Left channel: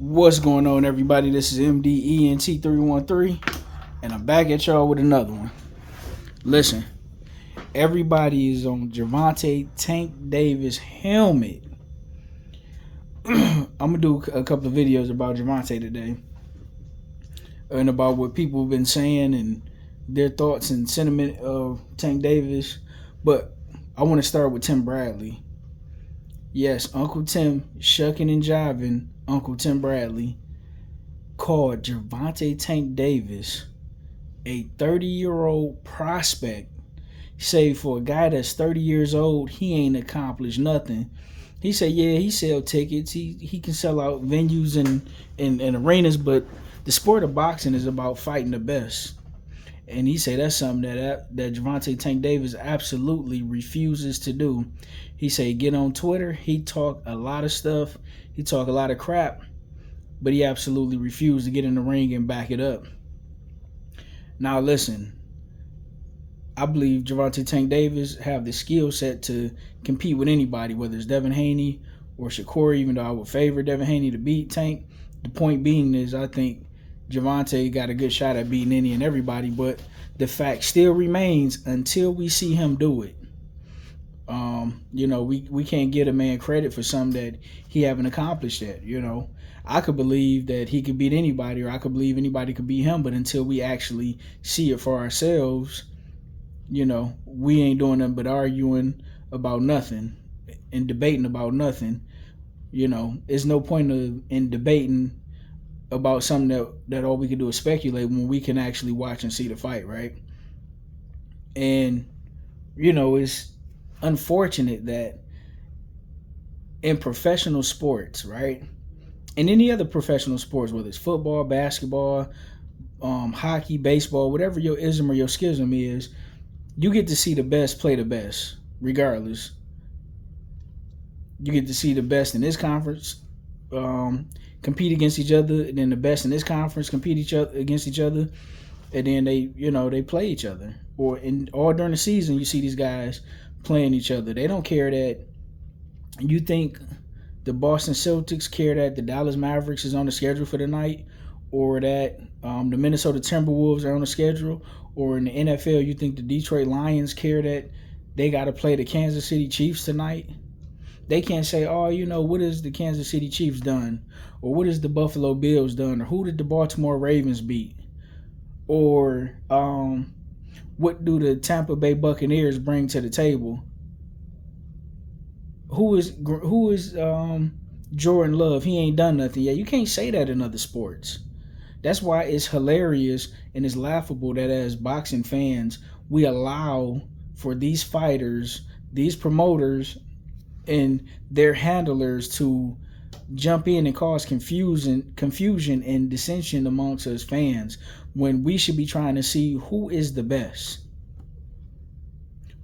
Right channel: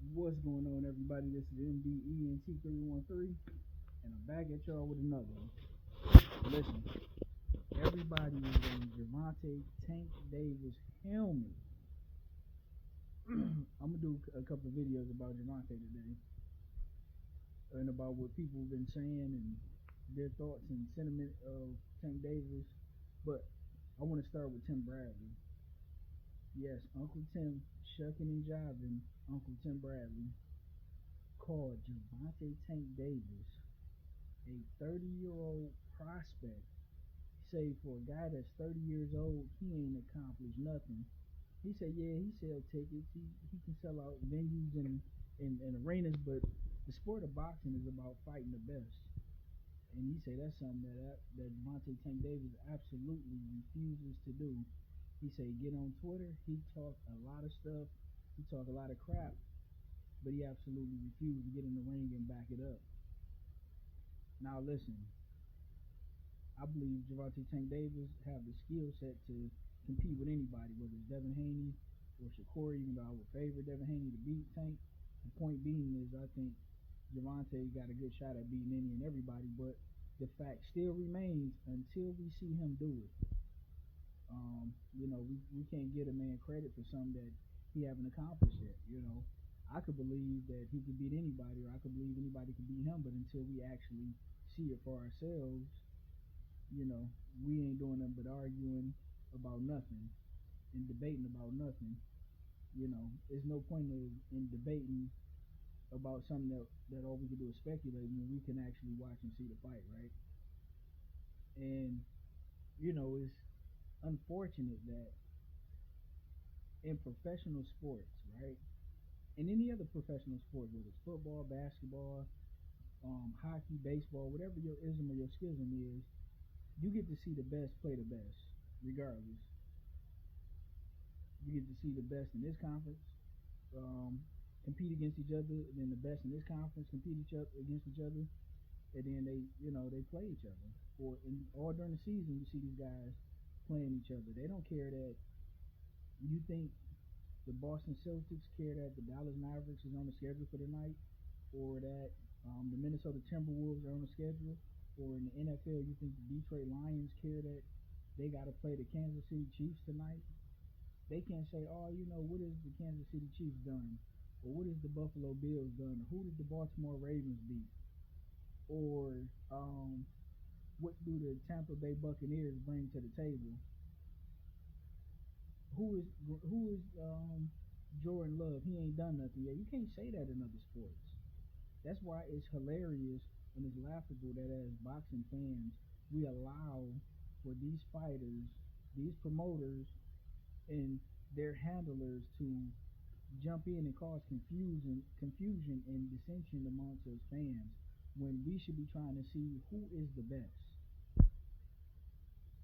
What's going on, everybody? This is MDENT313, and I'm back at y'all with another one. Listen, everybody is on Gervonta Tank Davis helmet. I'm gonna do a couple of videos about Gervonta today, and about what people have been saying and their thoughts and sentiment of Tank Davis. But I want to start with Tim Bradley. Yes, Uncle Tim, shucking and jiving, Uncle Tim Bradley called Gervonta Tank Davis a 30-year-old prospect. Say for a guy that's 30 years old, he ain't accomplished nothing. He said, yeah, he sell tickets. He can sell out venues and arenas, but the sport of boxing is about fighting the best. And he said that's something that Gervonta Tank Davis absolutely refuses to do. He said get on Twitter. He talk a lot of stuff. He talk a lot of crap, but he absolutely refused to get in the ring and back it up. Now listen, I believe Gervonta Tank Davis have the skill set to compete with anybody, whether it's Devin Haney or Shakur, even though I would favor Devin Haney to beat Tank. The point being is I think Gervonta got a good shot at beating any and everybody, but the fact still remains until we see him do it. We can't get a man credit for something that he haven't accomplished yet. I could believe that he could beat anybody, or I could believe anybody could beat him, but until we actually see it for ourselves, we ain't doing nothing but arguing about nothing and debating about nothing. There's no point in debating about something that all we can do is speculate when we can actually watch and see the fight, right? And it's unfortunate that in professional sports, right, and any other professional sports, whether it's football, basketball, hockey, baseball, whatever your ism or your schism is, you get to see the best play the best, regardless. You get to see the best in this conference compete against each other, and then the best in this conference compete against each other, and then they play each other. Or all during the season, you see these guys playing each other. They don't care that you think the Boston Celtics care that the Dallas Mavericks is on the schedule for the night, or that the Minnesota Timberwolves are on the schedule, or in the NFL you think the Detroit Lions care that they got to play the Kansas City Chiefs tonight. They can't say, oh, what has the Kansas City Chiefs done? Or what has the Buffalo Bills done? Or who did the Baltimore Ravens beat? Or what do the Tampa Bay Buccaneers bring to the table? Who is Jordan Love? He ain't done nothing yet. You can't say that in other sports. That's why it's hilarious and it's laughable that as boxing fans, we allow for these fighters, these promoters, and their handlers to jump in and cause confusion and dissension amongst us fans, when we should be trying to see who is the best.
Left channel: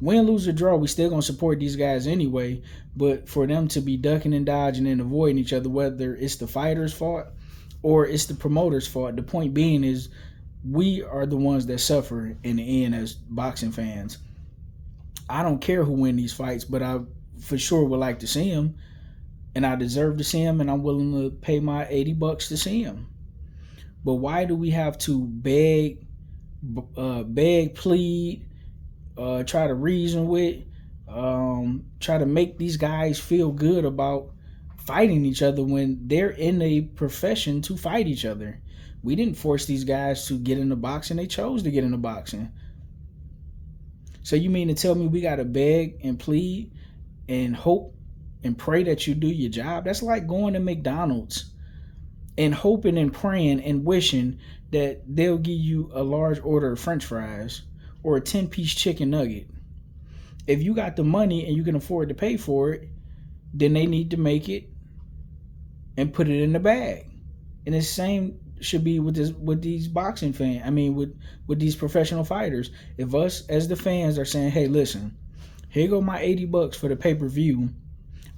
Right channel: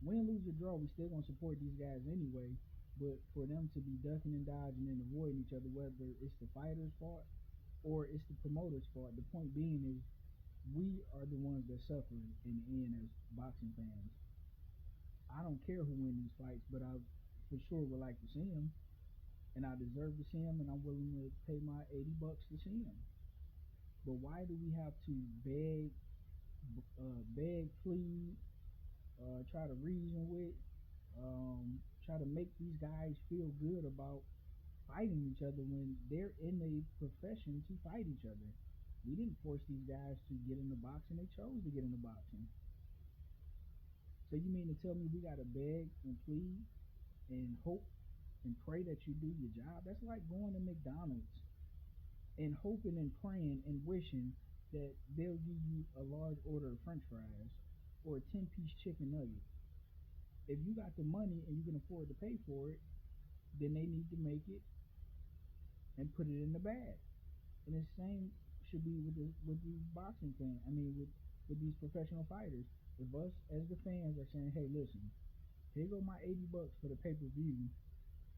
Win, lose, or draw, we still gonna support these guys anyway, but for them to be ducking and dodging and avoiding each other, whether it's the fighter's fault or it's the promoter's fault, the point being is we are the ones that suffer in the end as boxing fans. I don't care who win these fights, but I for sure would like to see him, and I deserve to see him, and I'm willing to pay my $80 to see him. But why do we have to beg, plead, try to reason with, try to make these guys feel good about fighting each other when they're in a profession to fight each other? We didn't force these guys to get into boxing. They chose to get into boxing. So you mean to tell me we got to beg and plead and hope and pray that you do your job? That's like going to McDonald's and hoping and praying and wishing that they'll give you a large order of French fries or a 10-piece chicken nugget. If you got the money and you can afford to pay for it, then they need to make it and put it in the bag. And the same should be with these boxing fans. I mean, with these professional fighters. If us as the fans are saying, hey, listen, here go my $80 for the pay-per-view.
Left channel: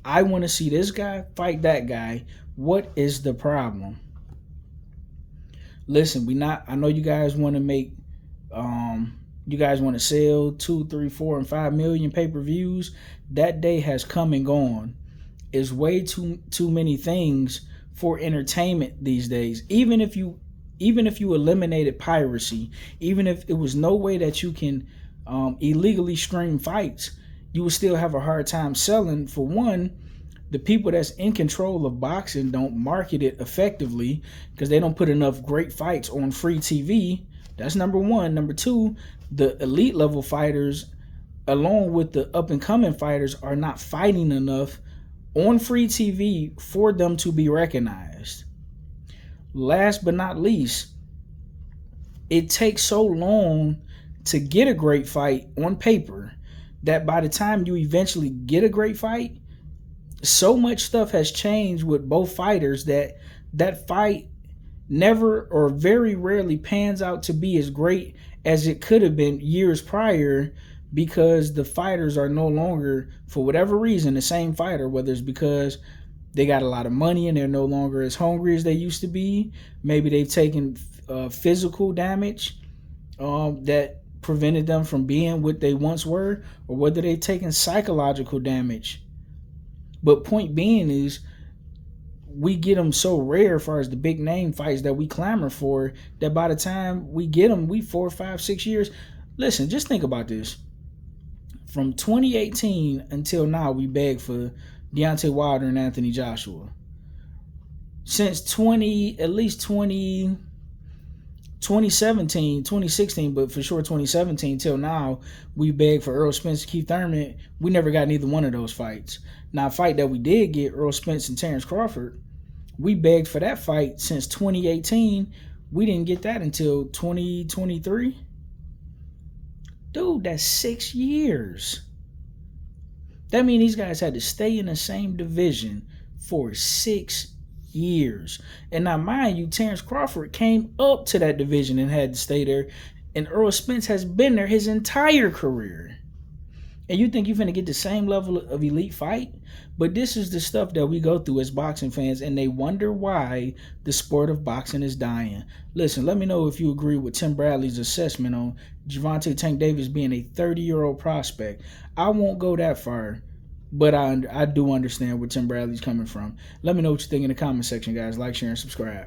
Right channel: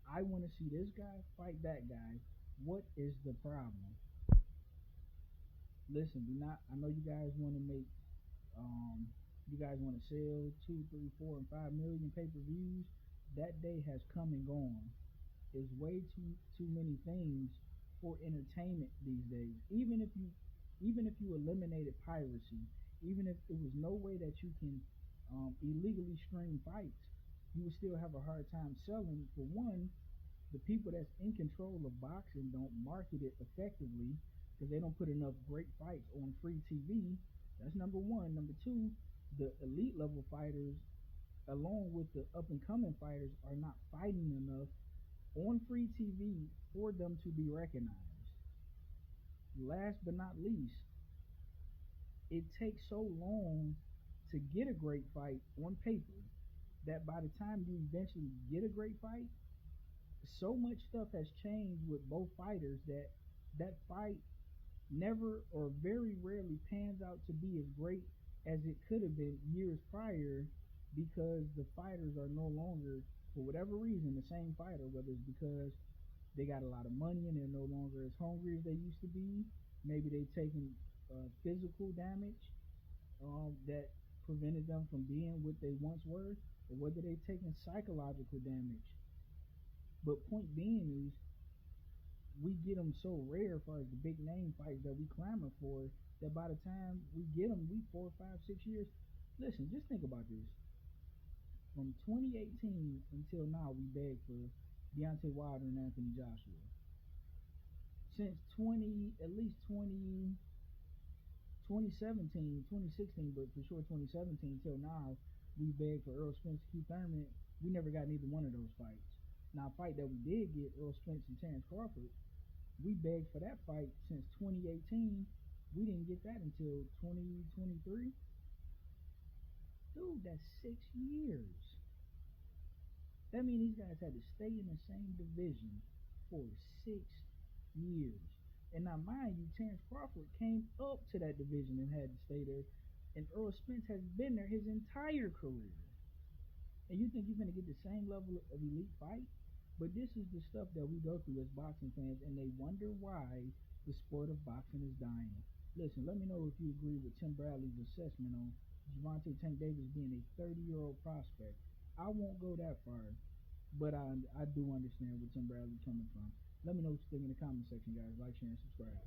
I want to see this guy fight that guy. What is the problem? Listen, I know you guys want to make, you guys want to sell 2, 3, 4, and 5 million pay-per-views. That day has come and gone. It's way too many things for entertainment these days. Even if you eliminated piracy, even if it was no way that you can illegally stream fights, you would still have a hard time selling. For one, the people that's in control of boxing don't market it effectively because they don't put enough great fights on free TV. That's number one. Number two, the elite level fighters, along with the up and coming fighters, are not fighting enough on free TV for them to be recognized. Last but not least, it takes so long to get a great fight on paper that by the time you eventually get a great fight, so much stuff has changed with both fighters that that fight never or very rarely pans out to be as great as it could have been years prior, because the fighters are no longer, for whatever reason, the same fighter. Whether it's because they got a lot of money and they're no longer as hungry as they used to be, maybe they've taken physical damage that prevented them from being what they once were, or whether they've taken psychological damage. But point being is, we get them so rare as far as the big name fights that we clamor for, that by the time we get them, we 4, 5, 6 years. Listen, just think about this. From 2018 until now, we begged for Deontay Wilder and Anthony Joshua. Since 2017, 2016, but for sure 2017 till now, we begged for Errol Spence, Keith Thurman. We never got neither one of those fights. Now, a fight that we did get, Errol Spence and Terrence Crawford, we begged for that fight since 2018. We didn't get that until 2023. Dude, that's 6 years. That means these guys had to stay in the same division for 6 years. And now, mind you, Terrence Crawford came up to that division and had to stay there. And Errol Spence has been there his entire career. And you think you're going to get the same level of elite fight? But this is the stuff that we go through as boxing fans, and they wonder why the sport of boxing is dying. Listen, let me know if you agree with Tim Bradley's assessment on Gervonta Tank Davis being a 30-year-old prospect. I won't go that far, but I do understand where Tim Bradley's coming from. Let me know what you think in the comment section, guys. Like, share, and subscribe.